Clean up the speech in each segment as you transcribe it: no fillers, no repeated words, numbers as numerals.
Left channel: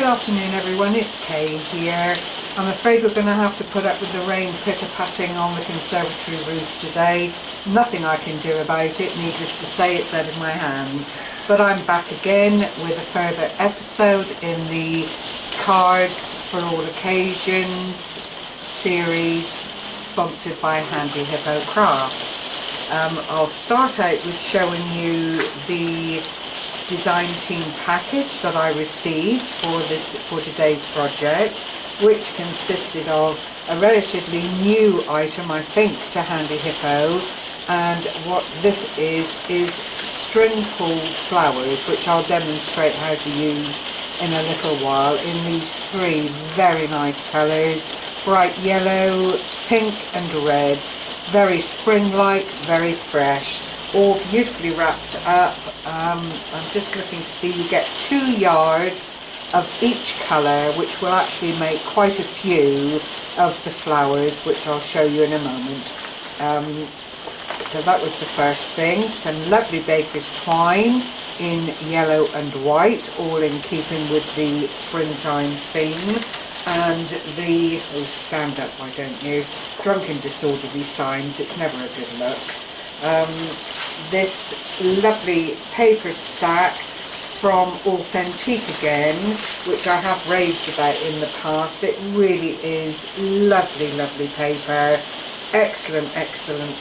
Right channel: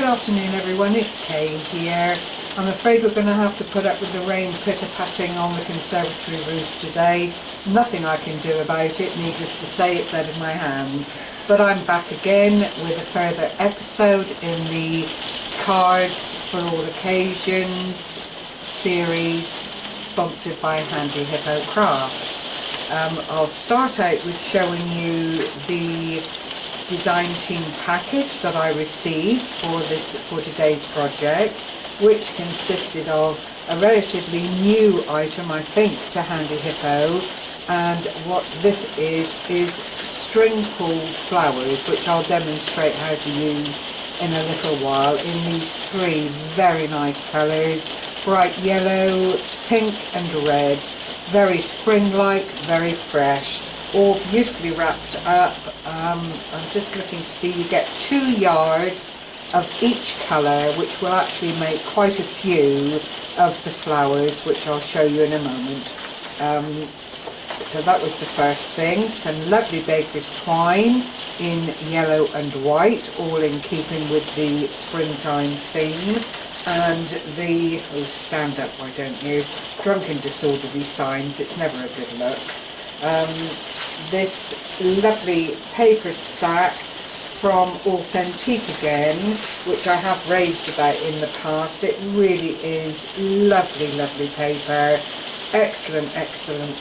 Good afternoon everyone, it's Kay here. I'm afraid we're going to have to put up with the rain pitter-patting on the conservatory roof today. Nothing I can do about it, needless to say it's out of my hands. But I'm back again with a further episode in the Cards for All Occasions series sponsored by Handyhippo Crafts. I'll start out with showing you the design team package that I received for today's project, which consisted of a relatively new item, I think, to Handyhippo, and what this is string pulled flowers, which I'll demonstrate how to use in a little while, in these three very nice colours: bright yellow, pink and red. Very spring-like, very fresh, all beautifully wrapped up. I'm just looking to see, you get 2 yards of each colour, which will actually make quite a few of the flowers, which I'll show you in a moment. So that was the first thing. Some lovely baker's twine in yellow and white, all in keeping with the springtime theme. And the, oh, stand up, why don't you, drunken disorderly signs, it's never a good look. This lovely paper stack from Authentique again, which I have raved about in the past. It really is lovely, lovely paper, excellent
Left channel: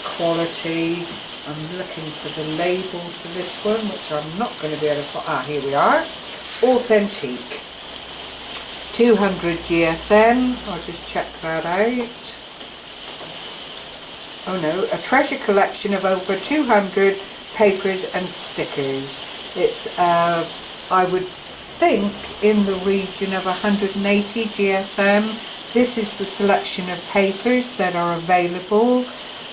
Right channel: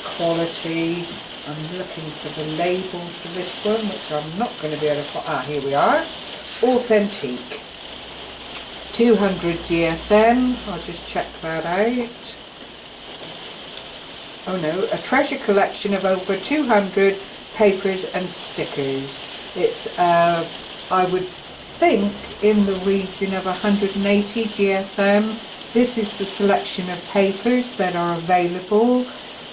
quality. I'm looking for the label for this one, which I'm not going to be able to put, here we are, Authentique. 200 GSM, I'll just check that out. Oh no, a treasure collection of over 200 papers and stickers. It's, I would think, in the region of 180 GSM. This is the selection of papers that are available,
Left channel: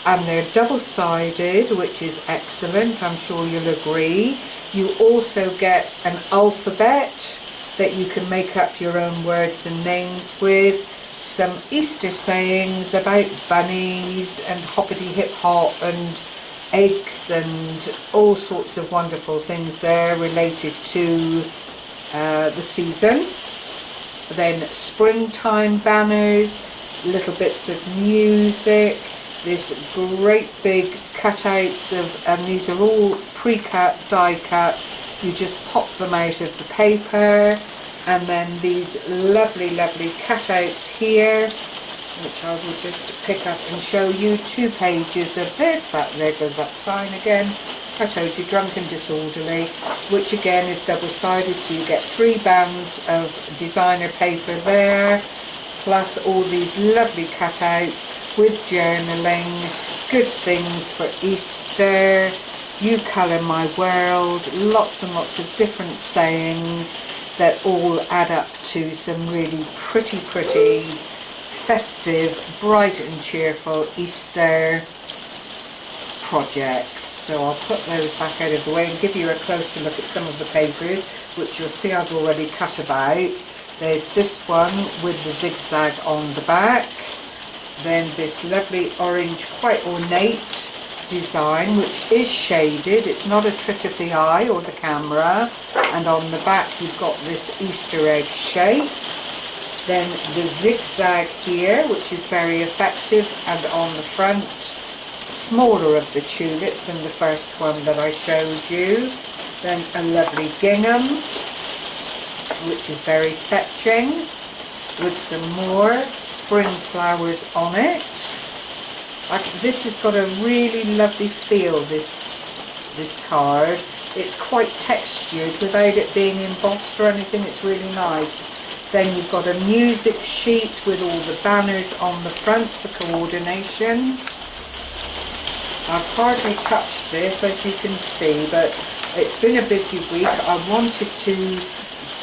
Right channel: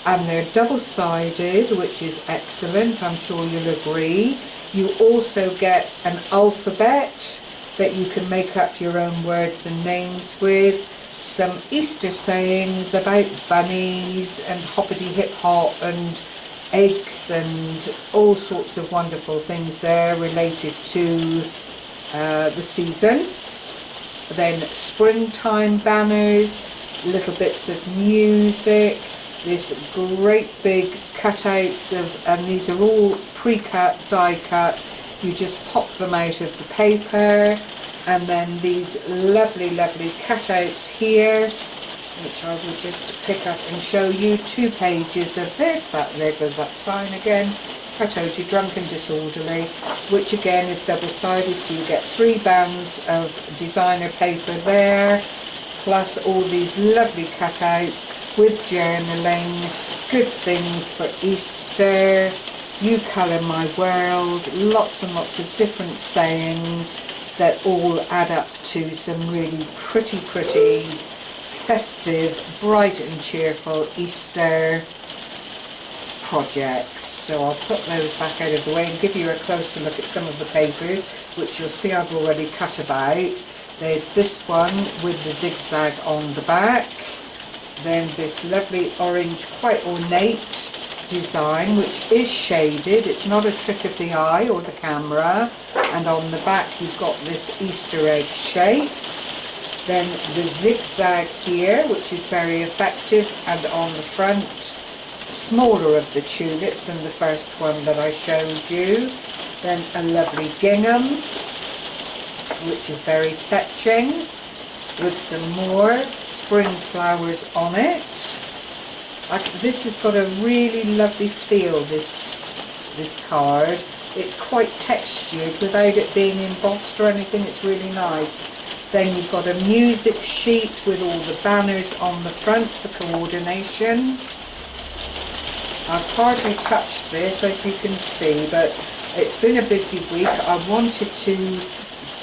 and they're double-sided, which is excellent, I'm sure you'll agree. You also get an alphabet that you can make up your own words and names with, some Easter sayings about bunnies and hoppity hip hop and eggs and all sorts of wonderful things there related to the season. Then springtime banners, little bits of music, this great big cutouts of, and these are all pre-cut, die cut. You just pop them out of the paper, and then these lovely cutouts here, which I will just pick up and show you. 2 pages of this. There goes that sign again. I told you, drunken disorderly, which again is double-sided, so you get 3 bands of designer paper there, plus all these lovely cutouts with journaling, good things for Easter. You colour my world, lots and lots of different sayings that all add up to some really pretty festive, bright and cheerful Easter projects. So I'll put those back out of the way and give you a closer look at some of the papers, which you'll see I've already cut about. There's this one with the zigzag on the back, then this lovely orange, quite ornate design, which is shaded, it's not a trick of the eye or the camera, and on the back you've got this Easter egg shape. Then the zigzag here, which is very effective, and on the front, smaller of the tulips than the first one that I showed you. Then a lovely gingham, which is very fetching, with some more spring flowers on it. This has got a really lovely feel, this card. It's quite textured without it being embossed or anything, it's really nice. Then you've got a music sheet with all the banners on the front for coordination. I've hardly touched this, as you can see, but it's been a busy week. I wanted to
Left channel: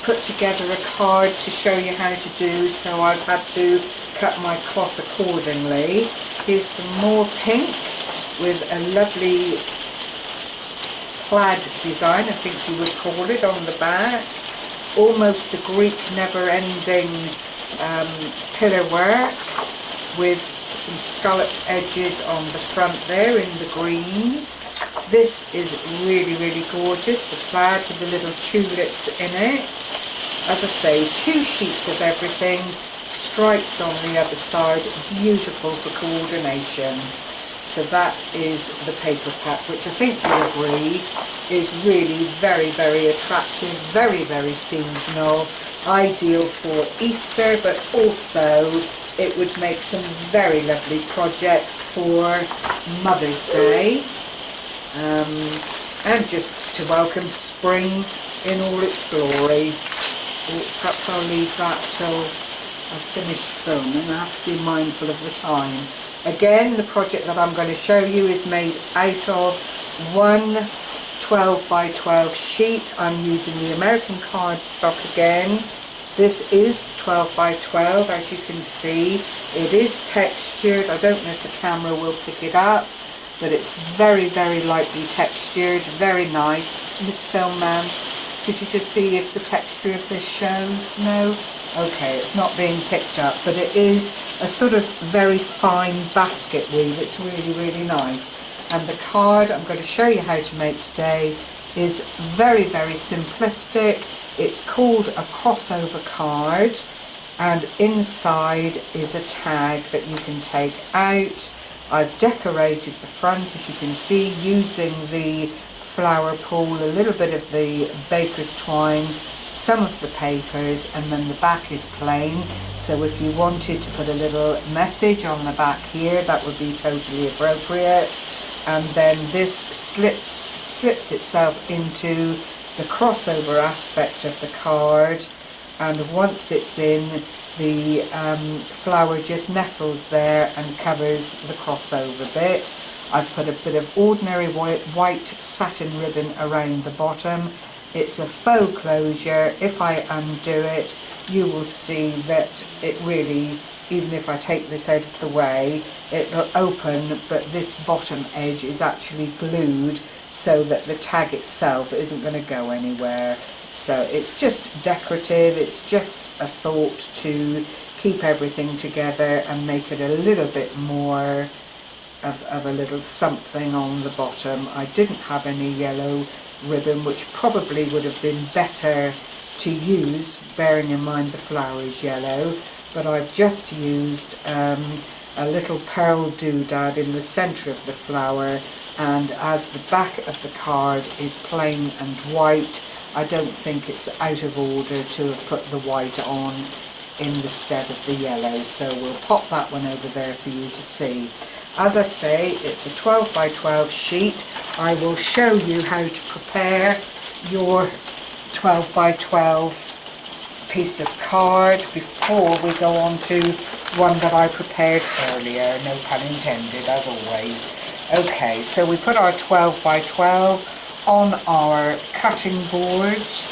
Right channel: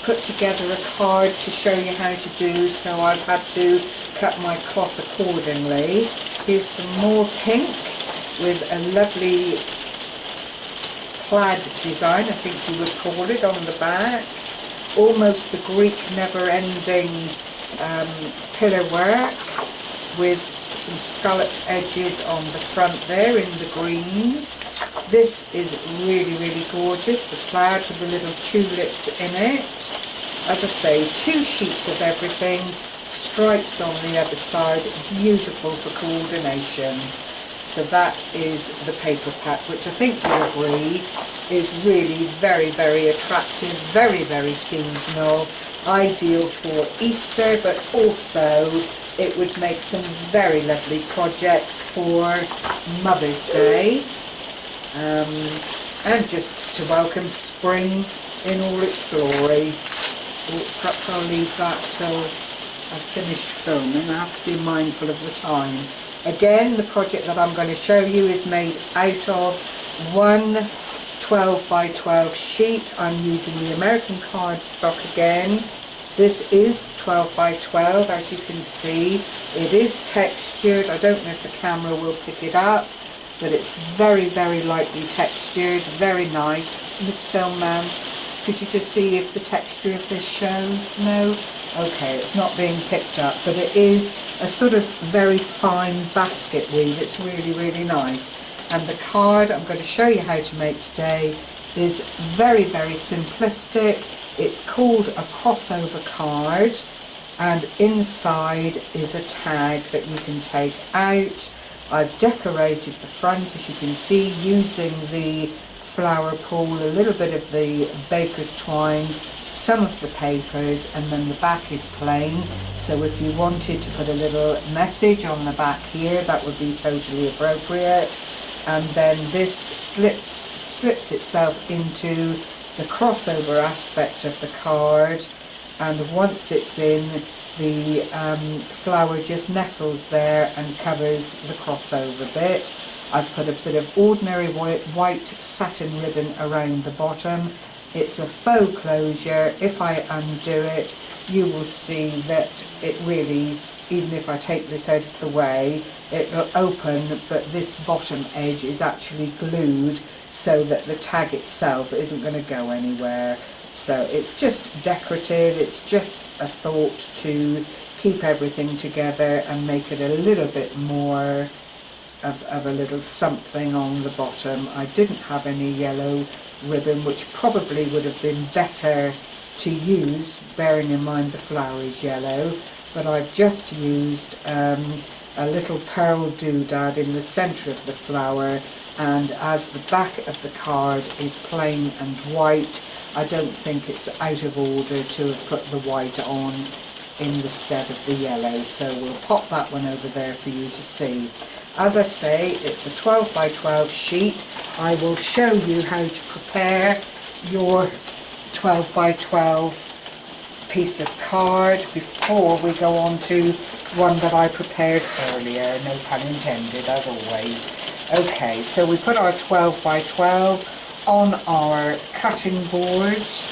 put together a card to show you how to do, so I've had to cut my cloth accordingly. Here's some more pink with a lovely plaid design, I think you would call it, on the back. Almost the Greek never-ending pillar work with some scalloped edges on the front there in the greens. This is really gorgeous, the plaid with the little tulips in it. as I say, 2 sheets of everything, stripes on the other side, beautiful for coordination. So that is the paper pack, which I think you'll agree is really very, very attractive, very, very seasonal, ideal for Easter, but also it would make some very lovely projects for Mother's Day, and just to welcome spring in all its glory. Perhaps I'll leave that till I've finished filming. I have to be mindful of the time. Again, the project that I'm going to show you is made out of one 12 by 12 sheet. I'm using the American cardstock again. This is 12 by 12, as you can see. It is textured. I don't know if the camera will pick it up, but it's very, very lightly textured, very nice. Mr. Filmman, could you just see if the texture of this shows? No? Okay, it's not being picked up, but it is a sort of very fine basket weave. It's really, really nice. And the card I'm going to show you how to make today is very, very simplistic. It's called a crossover card, and inside is a tag that you can take out. I've decorated the front, as you can see, using the flower pool, a little bit of the baker's twine, some of the papers, and then the back is plain. So if you wanted to put a little message on the back here, that would be totally appropriate. And then this slips itself into the crossover aspect of the card, and once it's in, the flower just nestles there and covers the crossover bit. I've put a bit of ordinary white satin ribbon around the bottom. It's a faux closure. If I undo it, you will see that it really, even if I take this out of the way, it'll open, but this bottom edge is actually glued so that the tag itself isn't going to go anywhere. So it's just decorative, it's just a thought to keep everything together and make it a little bit more of a little something on the bottom. I didn't have any yellow ribbon, which probably would have been better to use, bearing in mind the flower is yellow, but I've just used a little pearl doodad in the centre of the flower, and as the back of the card is plain and white, I don't think it's out of order to have put the white on in the stead of the yellow, so we'll pop that one over there for you to see. As I say, it's a 12 by 12 sheet. I will show you how to prepare your 12 by 12 piece of card before we go on to one that I prepared earlier, no pun intended, as always. Okay, so we put our 12 by 12 on our cutting boards.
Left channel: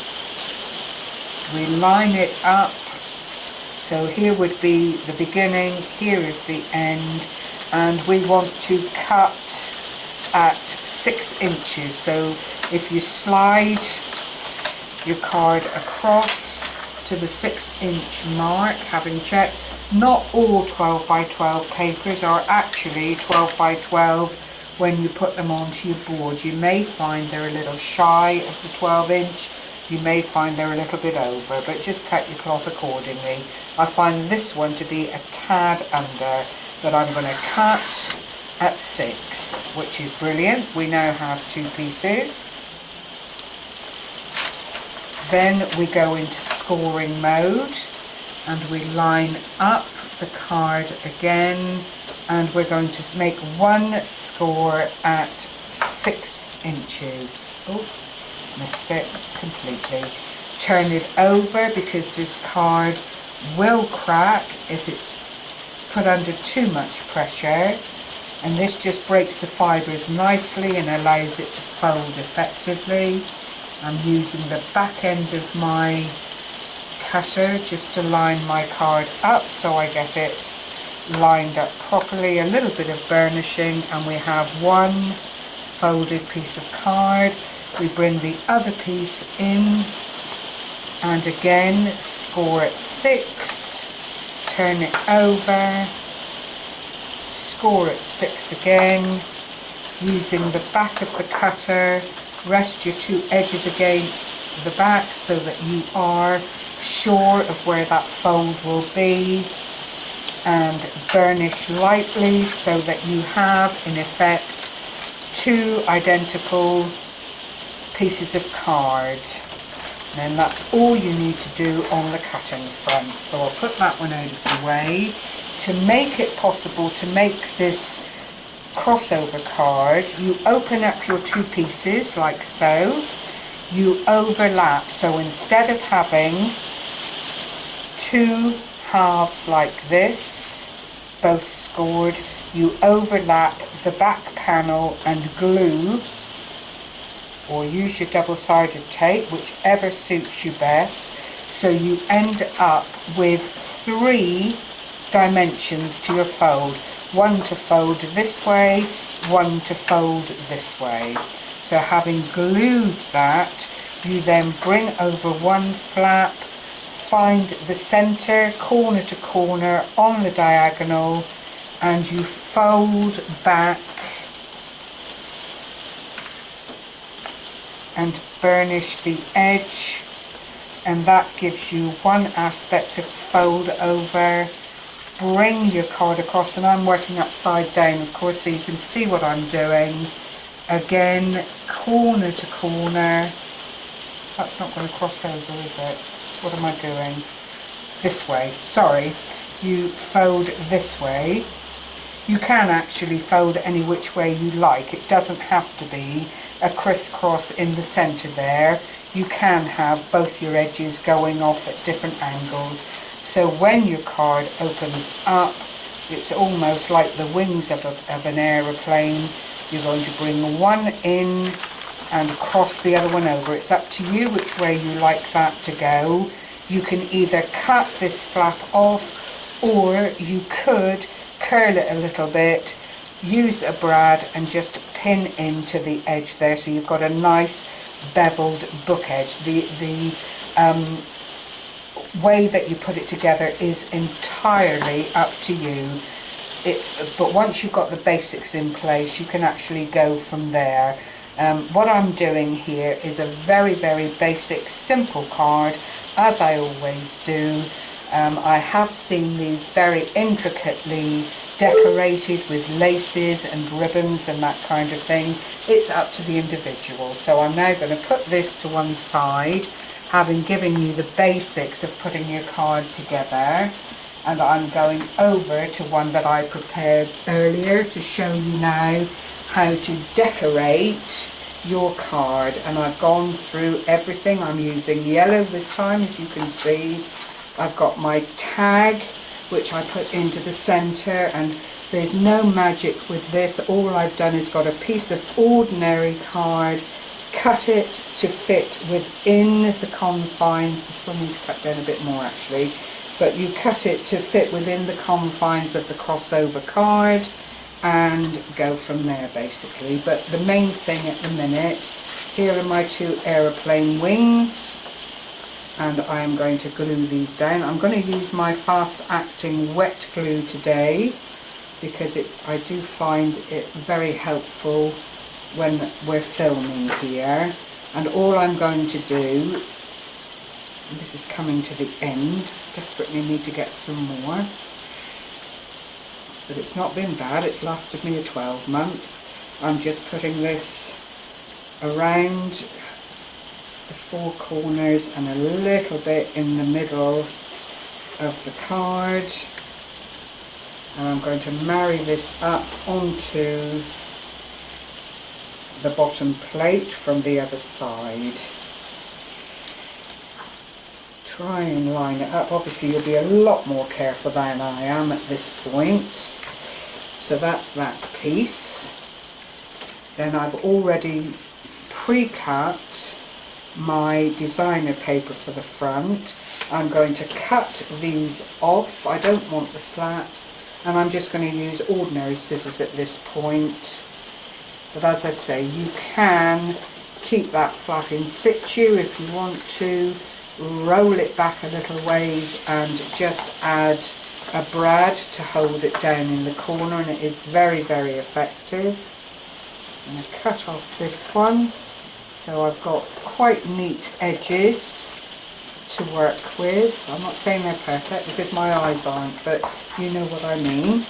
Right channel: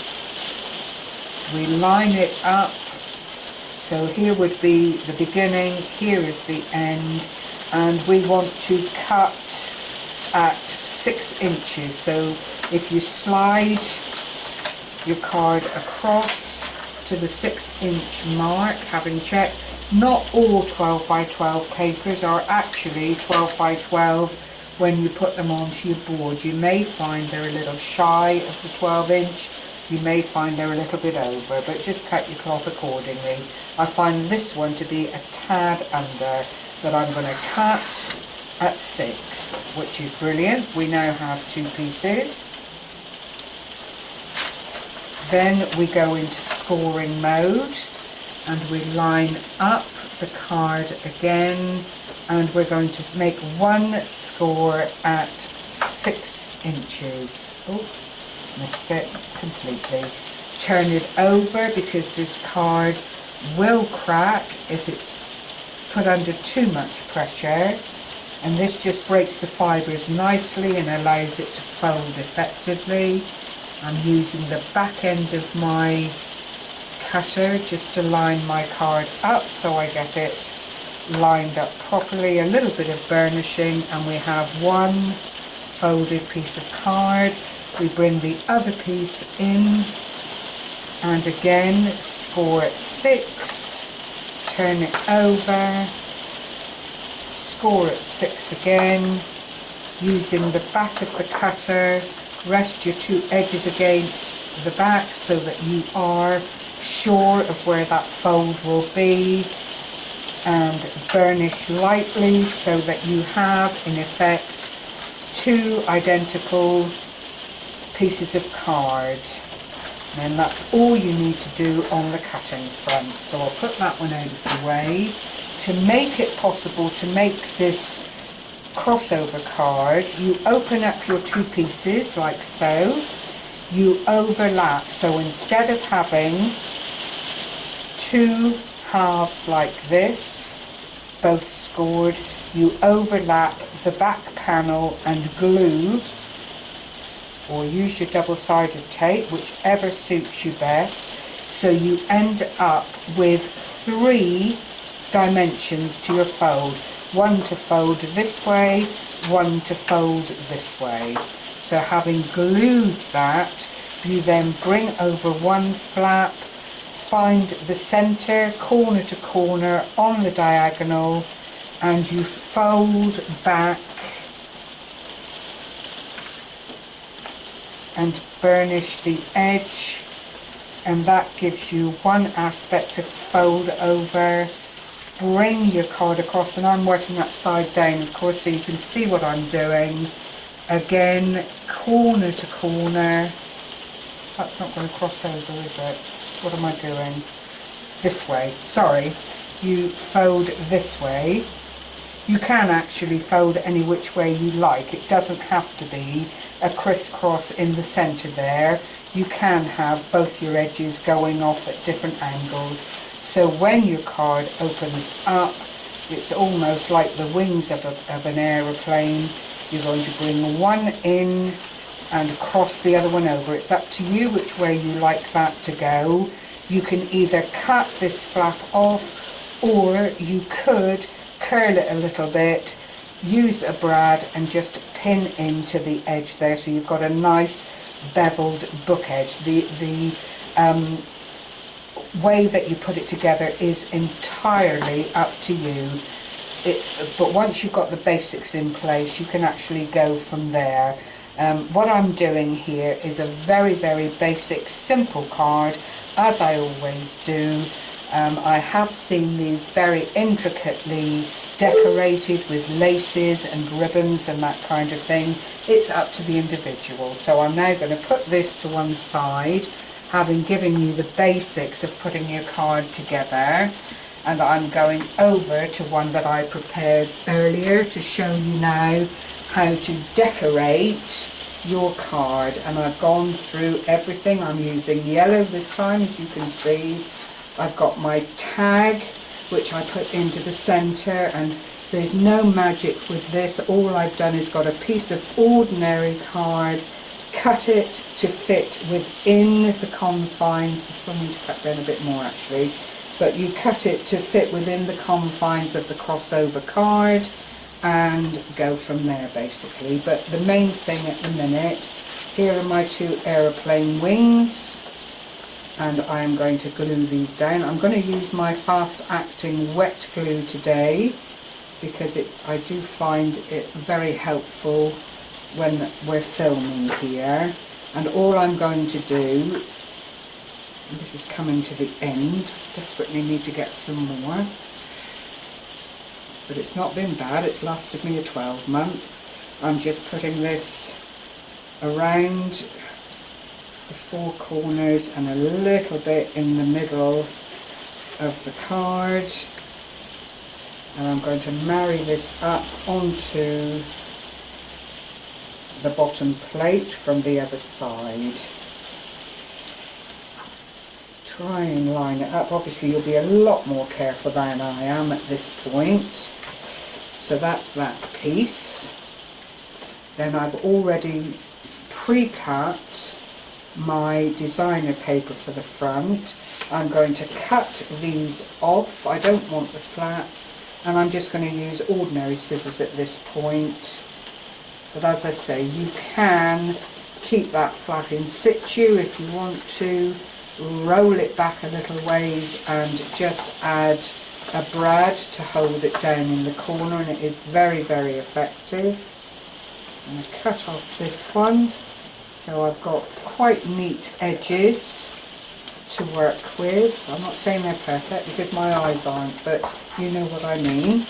We line it up, so here would be the beginning, here is the end, and we want to cut at 6 inches. So if you slide your card across to the 6-inch mark, having checked, not all 12 by 12 papers are actually 12 by 12 when you put them onto your board. You may find they're a little shy of the 12-inch, you may find they're a little bit over, but just cut your cloth accordingly. I find this one to be a tad under, but I'm going to cut at 6, which is brilliant. We now have 2 pieces. Then we go into scoring mode, and we line up the card again, and we're going to make one score at 6 inches. Oh, missed it completely. Turn it over, because this card will crack if it's put under too much pressure, and this just breaks the fibres nicely and allows it to fold effectively. I'm using the back end of my cutter just to line my card up so I get it lined up properly. A little bit of burnishing, and we have one folded piece of card. We bring the other piece in, and again score at 6, turn it over, score at 6 again, using the back of the cutter. Rest your 2 edges against the back so that you are sure of where that fold will be, and burnish lightly so that you have in effect two identical pieces of card. And then that's all you need to do on the cutting front. So I'll put that one out of the way. To make it possible to make this crossover card, you open up your two pieces like so. You overlap, so instead of having two halves like this, both scored, you overlap the back panel and glue, or use your double-sided tape, whichever suits you best, so you end up with 3 dimensions to your fold. One to fold this way, one to fold this way. So having glued that, you then bring over one flap, find the center, corner to corner on the diagonal, and you fold back and burnish the edge, and that gives you one aspect of fold over. Bring your card across, and I'm working upside down of course so you can see what I'm doing. Again, corner to corner. That's not going to cross over, is it? What am I doing? This way, sorry. You fold this way. You can actually fold any which way you like. It doesn't have to be a crisscross in the center there. You can have both your edges going off at different angles. So when your card opens up, it's almost like the wings of an aeroplane. You're going to bring one in and cross the other one over. It's up to you which way you like that to go. You can either cut this flap off, or you could curl it a little bit, use a brad and just pin into the edge there, so you've got a nice beveled book edge. The way that you put it together is entirely up to you. But once you've got the basics in place, you can actually go from there. What I'm doing here is a very, very basic, simple card, as I always do. I have seen these very intricately decorated with laces and ribbons and that kind of thing. It's up to the individual. So I'm now going to put this to one side, having given you the basics of putting your card together, and I'm going over to one that I prepared earlier to show you now how to decorate your card. And I've gone through everything. I'm using yellow this time, as you can see. I've got my tag, which I put into the center, and there's no magic with this. All I've done is got a piece of ordinary card, cut it to fit within the confines. This one needs to cut down a bit more actually, but you cut it to fit within the confines of the crossover card and go from there basically. But the main thing at the minute, here are my 2 aeroplane wings, and I am going to glue these down. I'm going to use my fast acting wet glue today because I do find it very helpful when we're filming here. And all I'm going to do, this is coming to the end, desperately need to get some more, but it's not been bad, it's lasted me a 12-month. I'm just putting this around the 4 corners and a little bit in the middle of the card, and I'm going to marry this up onto the bottom plate from the other side. Try and line it up. Obviously you'll be a lot more careful than I am at this point. So that's that piece. Then I've already pre-cut my designer paper for the front. I'm going to cut these off. I don't want the flaps, and I'm just going to use ordinary scissors at this point. But as I say, you can keep that flap in situ if you want to, roll it back a little ways and just add a brad to hold it down in the corner, and it is very, very effective. I'm going to cut off this one, so I've got quite neat edges to work with. I'm not saying they're perfect because my eyes aren't, but you know what I mean.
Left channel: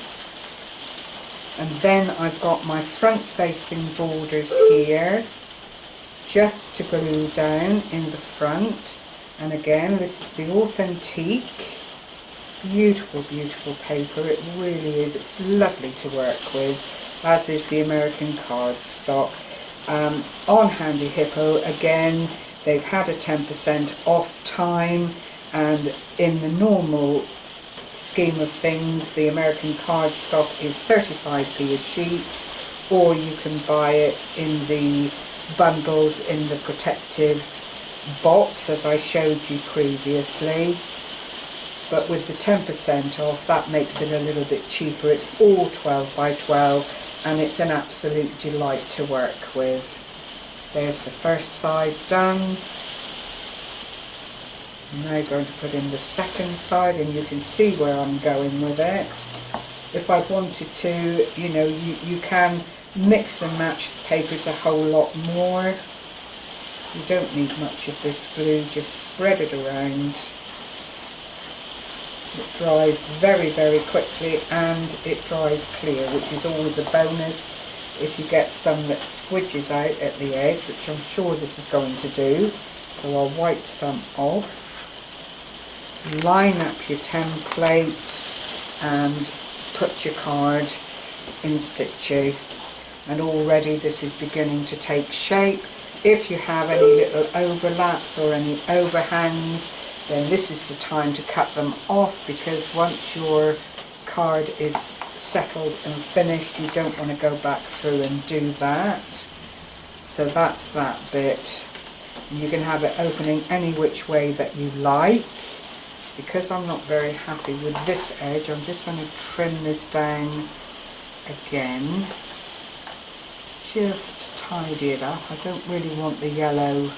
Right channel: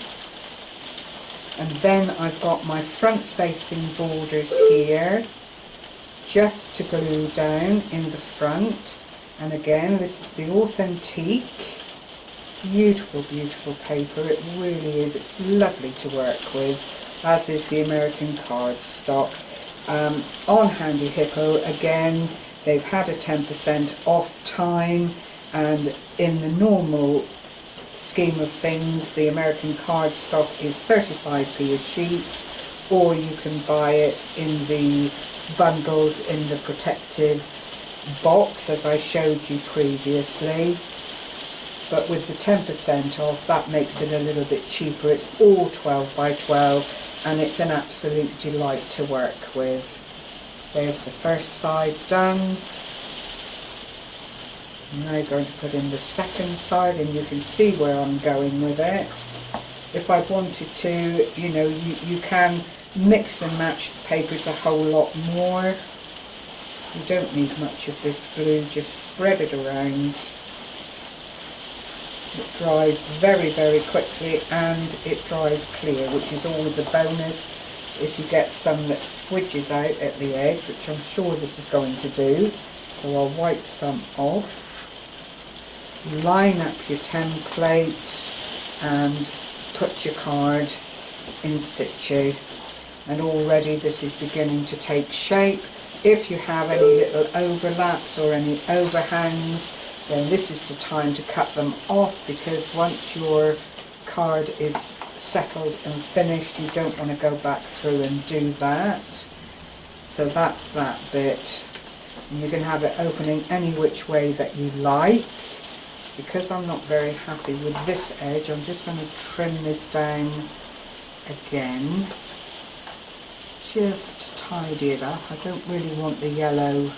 And then I've got my front facing borders here just to glue down in the front. And again, this is the Authentique. Beautiful, beautiful paper. It really is. It's lovely to work with, as is the American cardstock. On Handyhippo, again, they've had a 10% off time, and in the normal scheme of things, the American cardstock is 35p a sheet, or you can buy it in the bundles in the protective box as I showed you previously. But with the 10% off, that makes it a little bit cheaper. It's all 12 by 12 and it's an absolute delight to work with. There's the first side done. I'm now going to put in the second side, and you can see where I'm going with it. If I wanted to, you know, you can mix and match the papers a whole lot more. You don't need much of this glue, just spread it around. It dries very, very quickly and it dries clear, which is always a bonus if you get some that squidges out at the edge, which I'm sure this is going to do. So I'll wipe some off. Line up your template and put your card in situ. And already this is beginning to take shape. If you have any little overlaps or any overhangs, then this is the time to cut them off, because once your card is settled and finished, you don't want to go back through and do that. So that's that bit. You can have it opening any which way that you like. Because I'm not very happy with this edge, I'm just going to trim this down again. Just tidy it up. I don't really want the yellow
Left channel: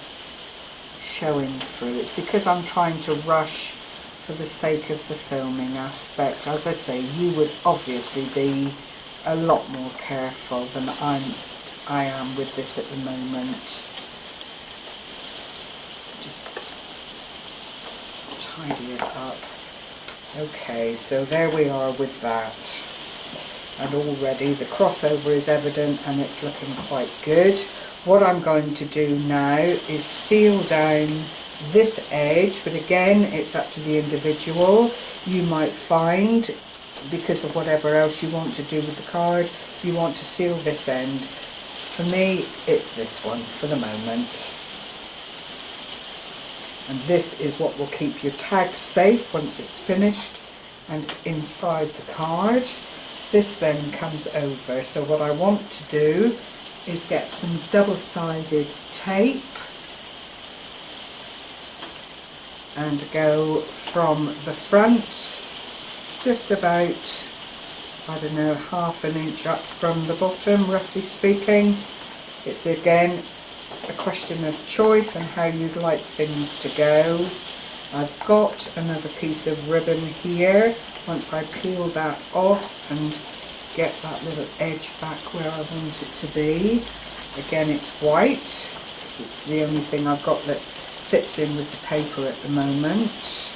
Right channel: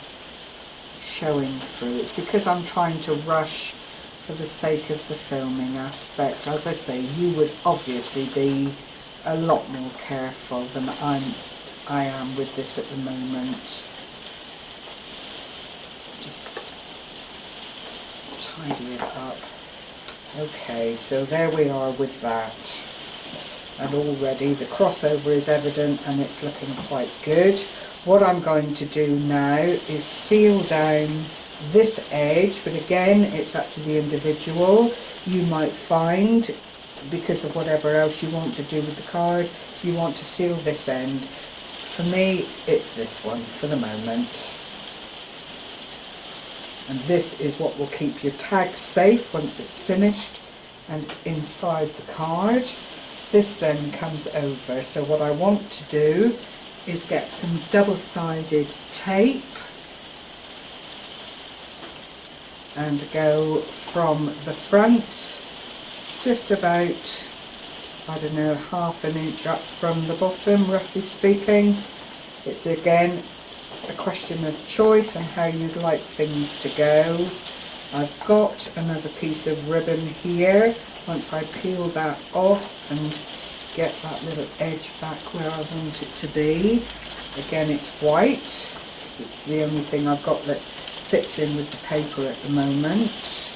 showing through. It's because I'm trying to rush for the sake of the filming aspect. As I say, you would obviously be a lot more careful than I am with this at the moment. Just tidy it up. Okay, so there we are with that. And already the crossover is evident and it's looking quite good. What I'm going to do now is seal down this edge, but again, it's up to the individual. You might find, because of whatever else you want to do with the card, you want to seal this end. For me, it's this one for the moment. And this is what will keep your tag safe once it's finished and inside the card. This then comes over. So what I want to do is get some double-sided tape and go from the front just about, I don't know, ½ an inch up from the bottom, roughly speaking. It's again a question of choice and how you'd like things to go. I've got another piece of ribbon here. Once I peel that off and get that little edge back where I want it to be. Again, it's white because it's the only thing I've got that fits in with the paper at the moment.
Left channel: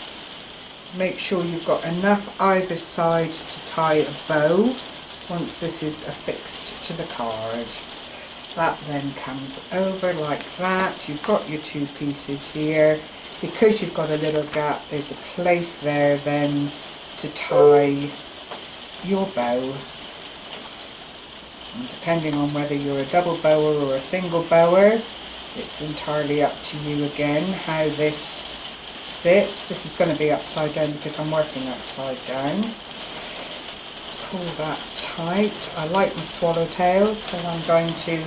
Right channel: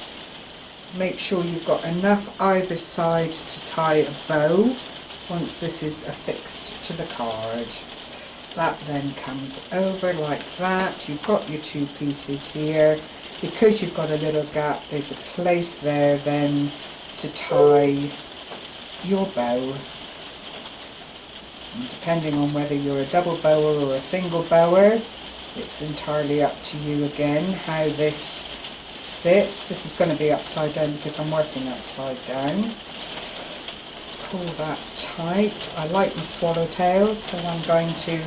Make sure you've got enough either side to tie a bow once this is affixed to the card. That then comes over like that. You've got your two pieces here. Because you've got a little gap, there's a place there then to tie your bow. And depending on whether you're a double bower or a single bower, it's entirely up to you again how this sits. This is going to be upside down because I'm working upside down. Pull that tight. I like my swallowtail, so I'm going to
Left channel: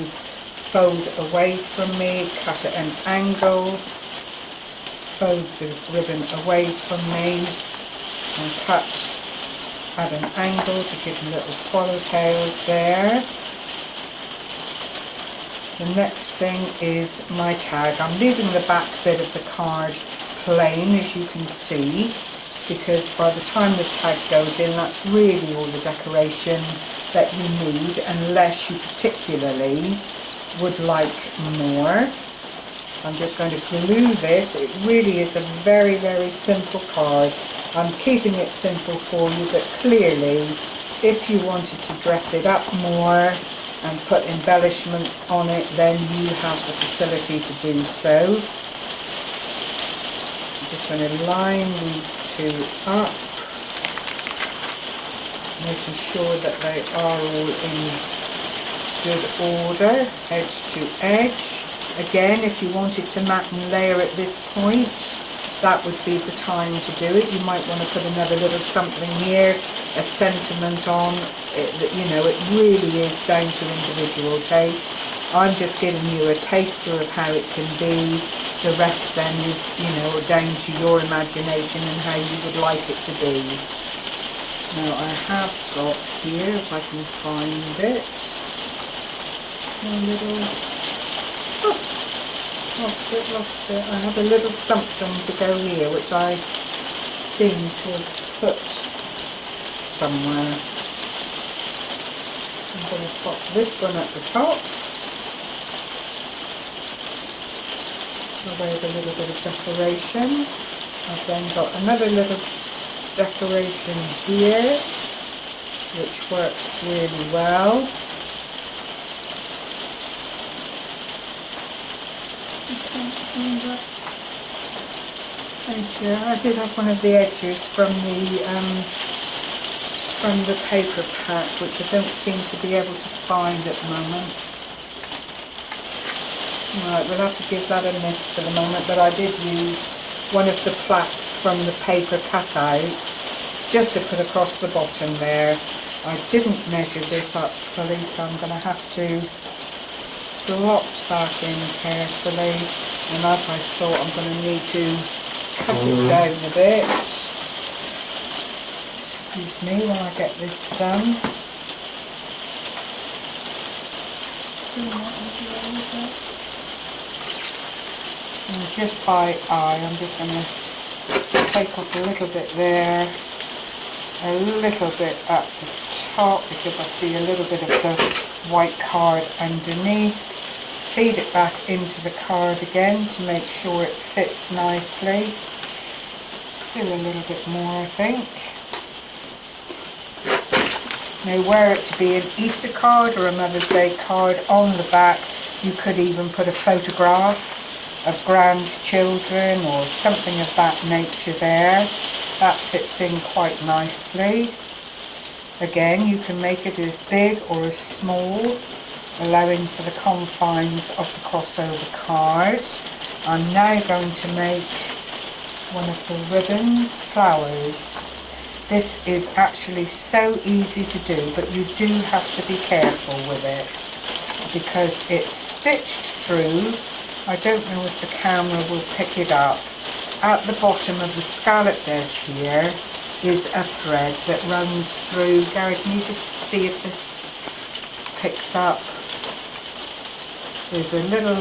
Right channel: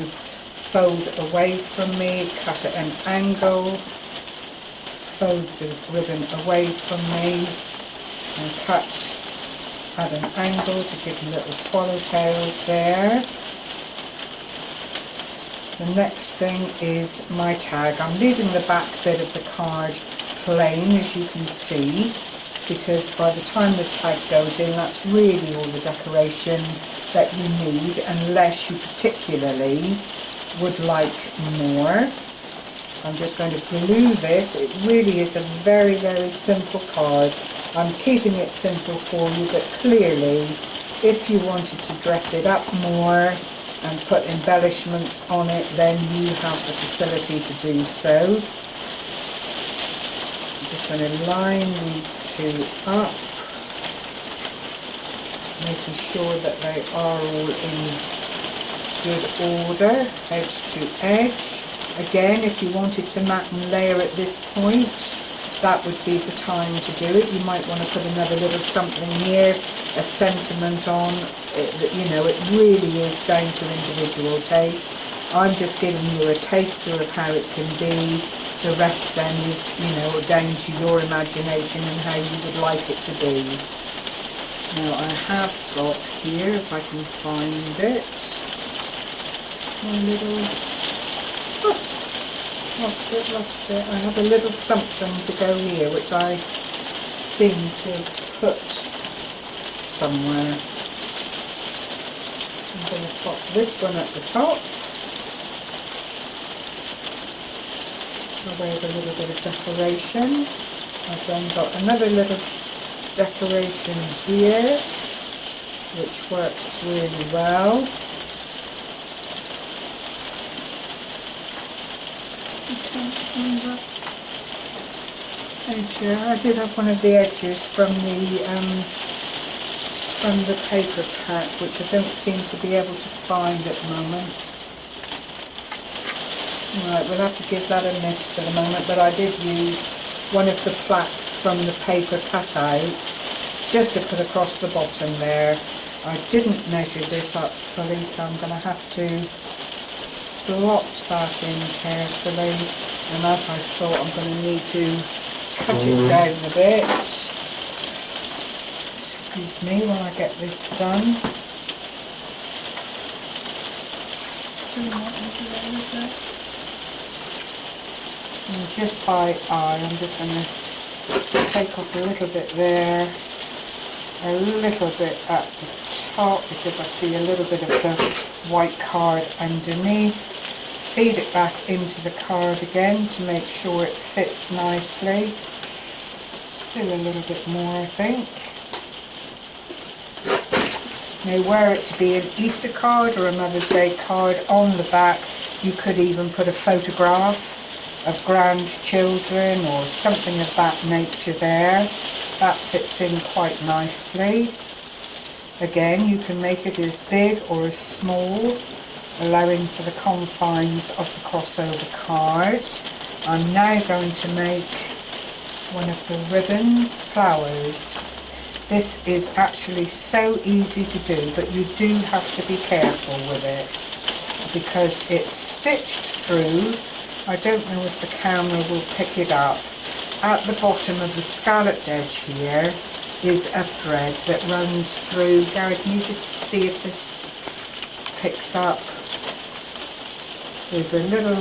fold away from me, cut at an angle, fold the ribbon away from me and cut at an angle to give me little swallowtails there. The next thing is my tag. I'm leaving the back bit of the card plain, as you can see, because by the time the tag goes in, that's really all the decoration that you need, unless you particularly would like more. So I'm just going to glue this. It really is a very, very simple card. I'm keeping it simple for you, but clearly if you wanted to dress it up more and put embellishments on it, then you have the facility to do so. I'm just going to line these two up, making sure that they are all in good order, edge to edge. Again, if you wanted to mat and layer at this point, that would be the time to do it. You might want to put another little something here, a sentiment on it. You know, it really is down to individual taste. I'm just giving you a taster of how it can be. The rest then is, you know, down to your imagination and how you would like it to be. Now I have got here, if I can find it, my little, oh, lost it. I have a little something to go here, which I seem to have put somewhere. I'm going to pop this one at the top. By way of a little bit of decoration. I've then got another little decoration here, which works really well. Edge here. I did have one of the edges from the paper pack, which I don't seem to be able to find at the moment. Right, we'll have to give that a miss for the moment, but I did use one of the plaques from the paper cutouts just to put across the bottom there. I didn't measure this up fully, so I'm going to have to slot that in carefully, and as I thought, I'm going to need to cut it down a bit. Excuse me while I get this done. Still not into with it. And just by eye, I'm just going to take off a little bit there, a little bit at the top, because I see a little bit of the white card underneath. Feed it back into the card again to make sure it fits nicely. Still a little bit more, I think. Now, were it to be an Easter card or a Mother's Day card, on the back you could even put a photograph of grandchildren or something of that nature there. That fits in quite nicely. Again, you can make it as big or as small, allowing for the confines of the crossover card. I'm now going to make one of the ribbon flowers. This is actually so easy to do, but you do have to be careful with it because it's stitched through. I don't know if the camera will pick it up. At the bottom of the scalloped edge here is a thread that runs through. Gary, can you just see if this picks up? There's a little,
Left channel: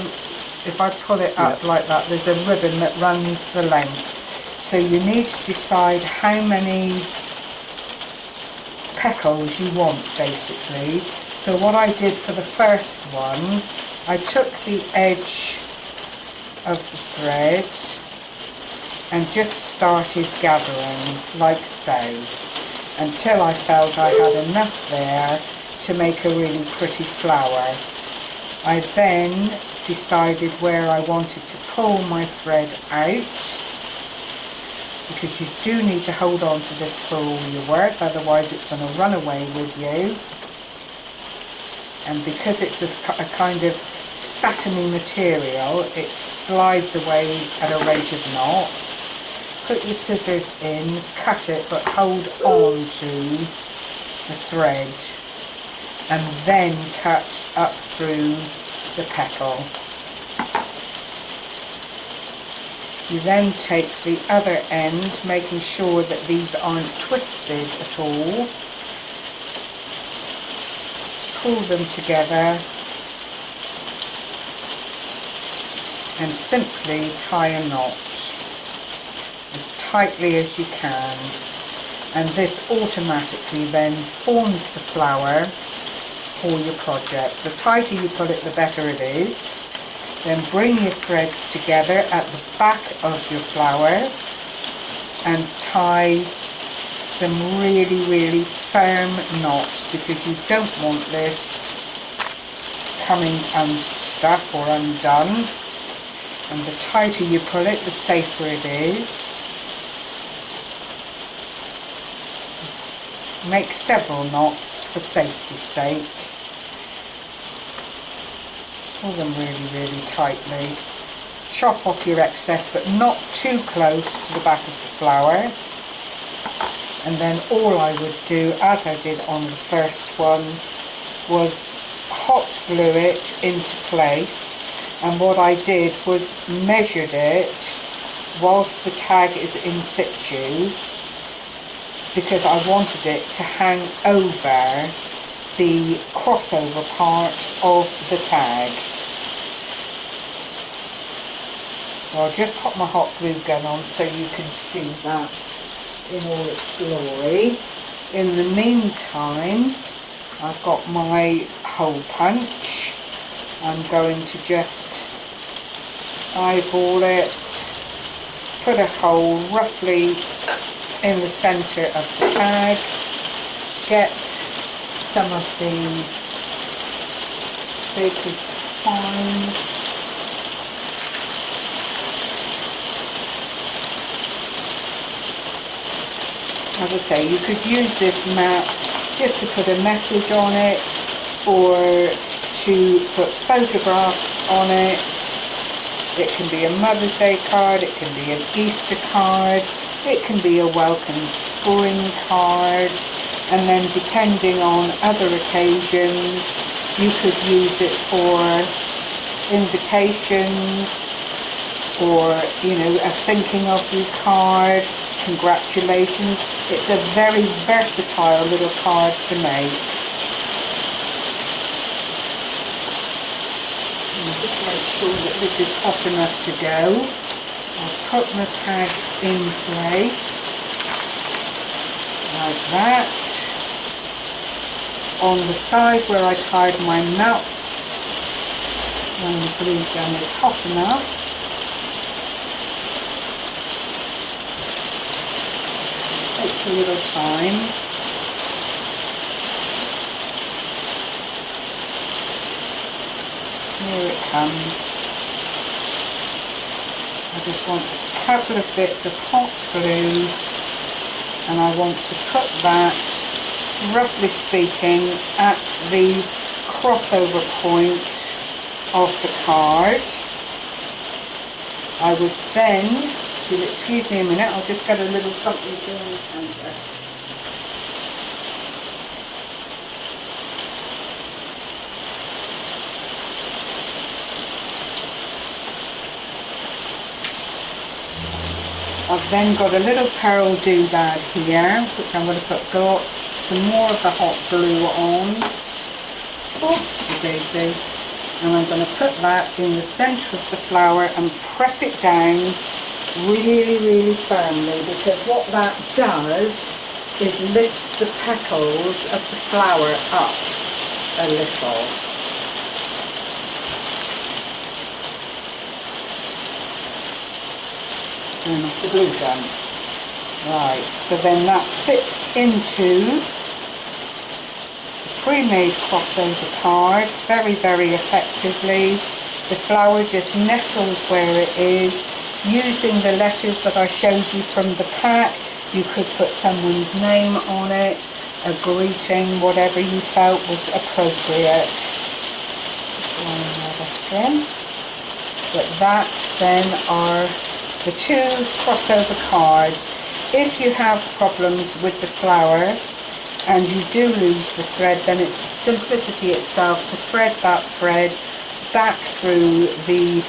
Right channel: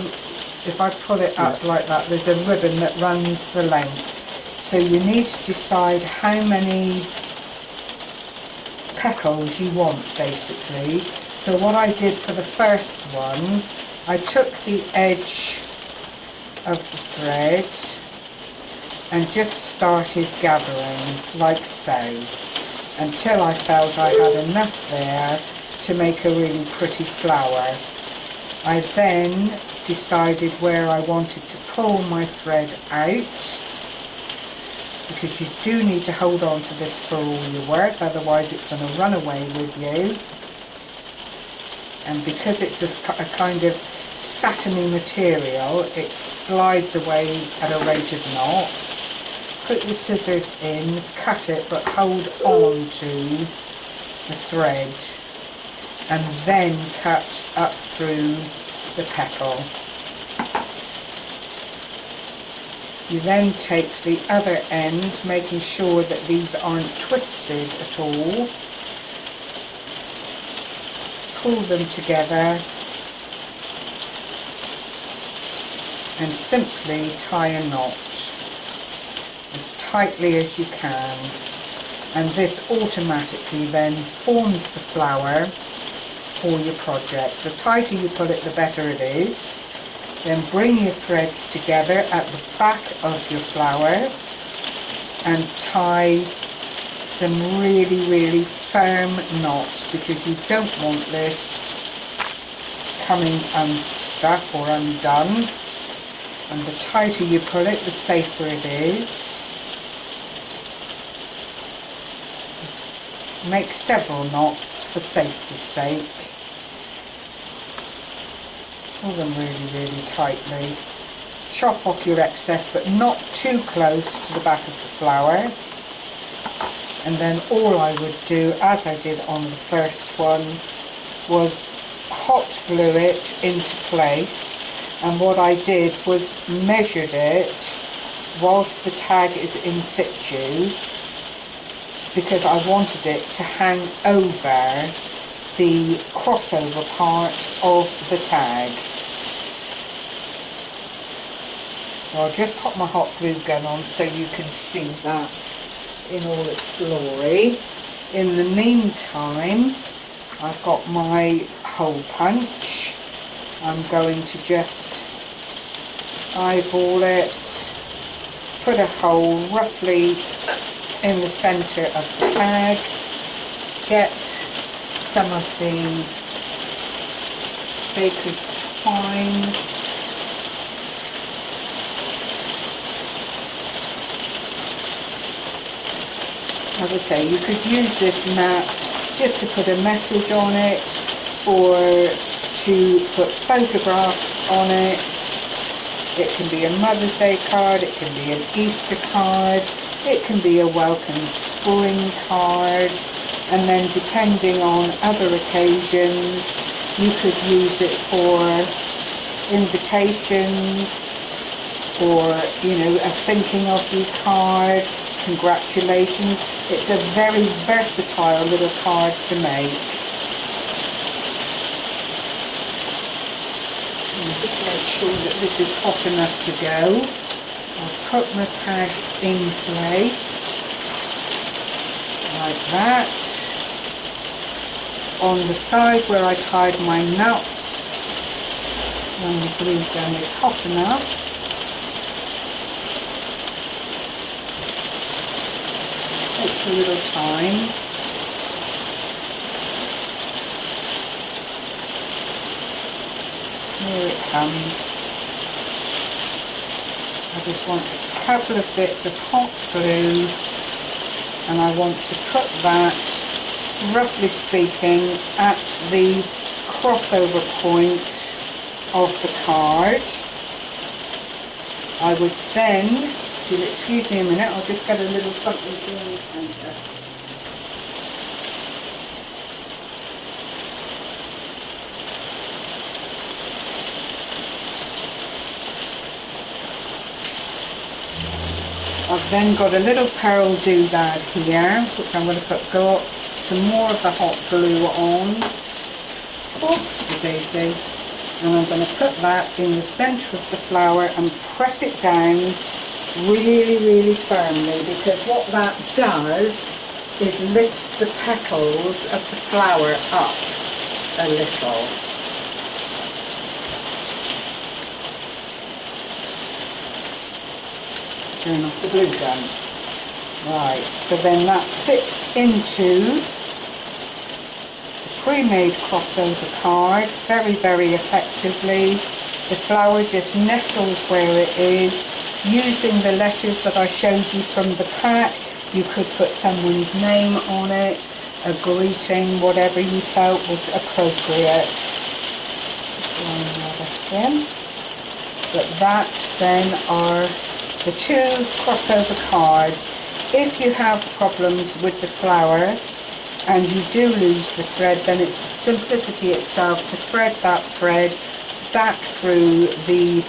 if I pull it up like that, there's a ribbon that runs the length. So you need to decide how many petals you want, basically. So what I did for the first one, I took the edge of the thread and just started gathering like so until I felt I had enough there to make a really pretty flower. I then decided where I wanted to pull my thread out, because you do need to hold on to this for all your worth, otherwise it's going to run away with you. And because it's a kind of satiny material, it slides away at a rate of knots. Put your scissors in, cut it, but hold on to the thread, and then cut up through the petal. You then take the other end, making sure that these aren't twisted at all. Pull them together and simply tie a knot as tightly as you can, and this automatically then forms the flower for your project. The tighter you pull it, the better it is, Then bring your threads together at the back of your flower and tie some really firm knots, because you don't want this coming unstuck or undone. And the tighter you pull it, the safer it is. Just make several knots for safety's sake. Pull them really tightly. Chop off your excess, but not too close to the back of the flower. And then all I would do, as I did on the first one, was hot glue it into place. And what I did was measured it whilst the tag is in situ, because I wanted it to hang over the crossover part of the tag. So I'll just pop my hot glue gun on so you can see that in all its glory. In the meantime, I've got my hole punch. I'm going to just eyeball it, put a hole roughly in the centre of the tag, get some of the baker's twine, as I say, you could use this mat just to put a message on it, or to put photographs on it. It can be a Mother's Day card, it can be an Easter card, it can be a welcome spring card, and then depending on other occasions you could use it for invitations, or, you know, a thinking of you card, congratulations. It's a very versatile little card to make. And just make sure that this is hot enough to go. I'll put my tag in place like that. On the side where I tied my knots, when the glue gun is hot enough, takes a little time. Here it comes. I just want a couple of bits of hot glue, and I want to put that, roughly speaking, at the crossover point of the card. I would then, if you'll excuse me a minute, I'll just get a little something here in the centre. I've then got a little pearl doodad here, which I'm going to put some more of the hot glue on. Oopsie daisy. And I'm going to put that in the centre of the flower and press it down really firmly, because what that does is lifts the petals of the flower up a little. Turn off the glue gun. Right, so then that fits into the pre-made crossover card very effectively. The flower just nestles where it is. Using the letters that I showed you from the pack, you could put someone's name on it, a greeting, whatever you felt was appropriate. Just line that up again. But that then are the two crossover cards. If you have problems with the flower and you do lose the thread, then it's simplicity itself to thread that thread back through the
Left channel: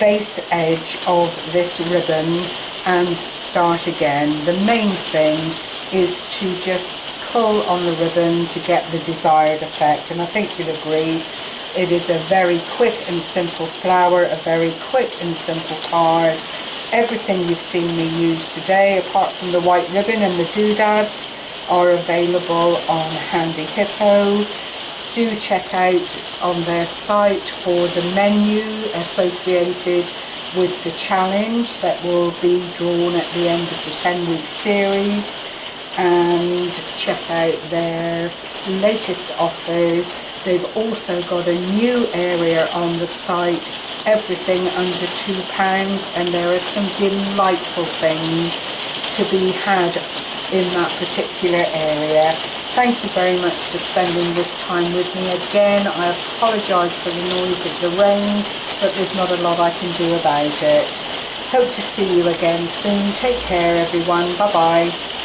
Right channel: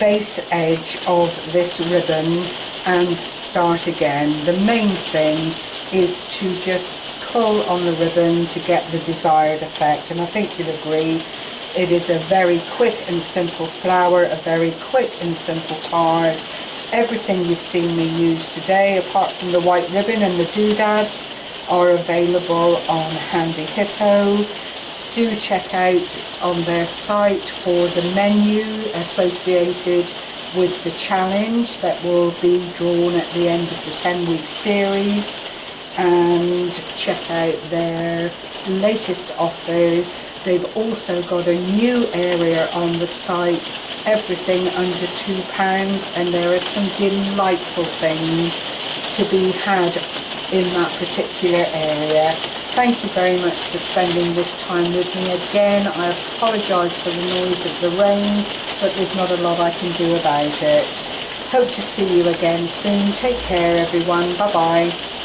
base edge of this ribbon and start again. The main thing is to just pull on the ribbon to get the desired effect, and I think you'll agree it is a very quick and simple flower, a very quick and simple card. Everything you've seen me use today, apart from the white ribbon and the doodads, are available on Handyhippo. do check out on their site for the menu associated with the challenge that will be drawn at the end of the 10-week series, and check out their latest offers. They've also got a new area on the site, everything under £2, and there are some delightful things to be had in that particular area. Thank you very much for spending this time with me again. I apologise for the noise of the rain, but there's not a lot I can do about it. Hope to see you again soon. Take care everyone. Bye bye.